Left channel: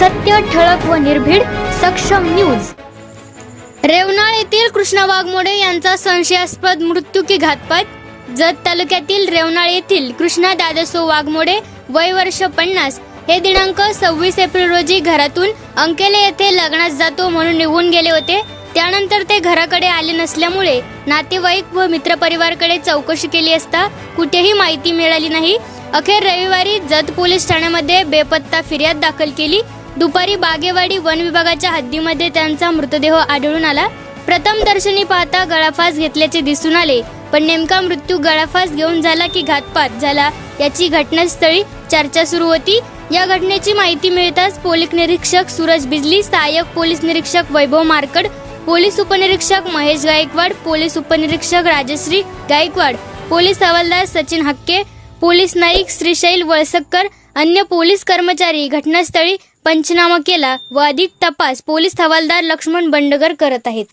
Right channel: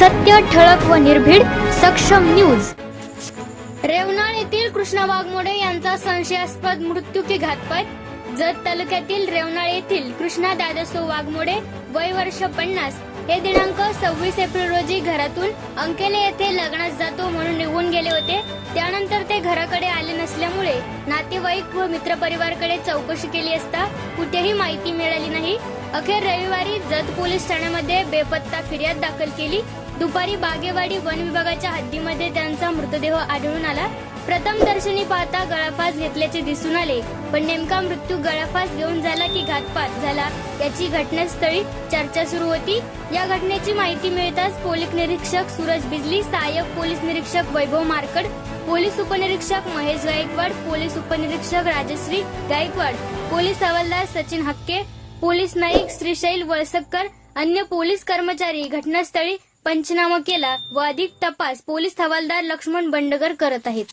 सत्य ठळक व निर्भीड सक्षम न्यूज. रेवनाळ येथील कृष्णा वाघमोडे यांचा संशयास्पद मृत्यू की घातपात? जत तालुक्यातील रेवनाळ येथील कृष्णा दादासो वाघमोडे वय वर्ष पन्नास हे दिनांक सव्वीस एप्रिल रोजी घरातून अंकेले येथे लग्नास जातो म्हणून निघून गेले होते. त्यानंतर ते घराकडे आले नसल्यामुळे नातेवाईक व मित्रपरिवारकडे चौकशी केली असता कुठेही माहिती मिळाली नाही. अखेर रविवारी जत पोलीस ठाण्यामध्ये बेपत्ता फिर्याद दाखल केली. दुपारी बागेवाडी वन विभागाच्या हद्दीमध्ये त्यांचा मृतदेह आढळून आला. प्रथम दर्शनी पाहता गळाफास घेतल्याचे दिसून आले पण नेमका मृत्यू गळाफास घेऊन झाला की घातपात झाला याची घटनास्थळी चर्चा सुरू होती. या घटनेची माहिती मिळताच पोलीस निरीक्षक सूरज बिजली सहाय्यक पोलीस निरीक्षक वैभव मार्कड पोलीस उपनिरीक्षक महेश गायकवाड पोलीस उपनिरीक्षक राजश्री गायकवाड पोलीस हवालदार सचिन हक्के पोलीस नाईक श्रीशैल वळसक्कर अन्य पोलीस कर्मचारी घटनास्थळी पंचनामा केला व अधिक तपास पोलीस हवालदार लक्ष्मण बंडगर करत आहेत.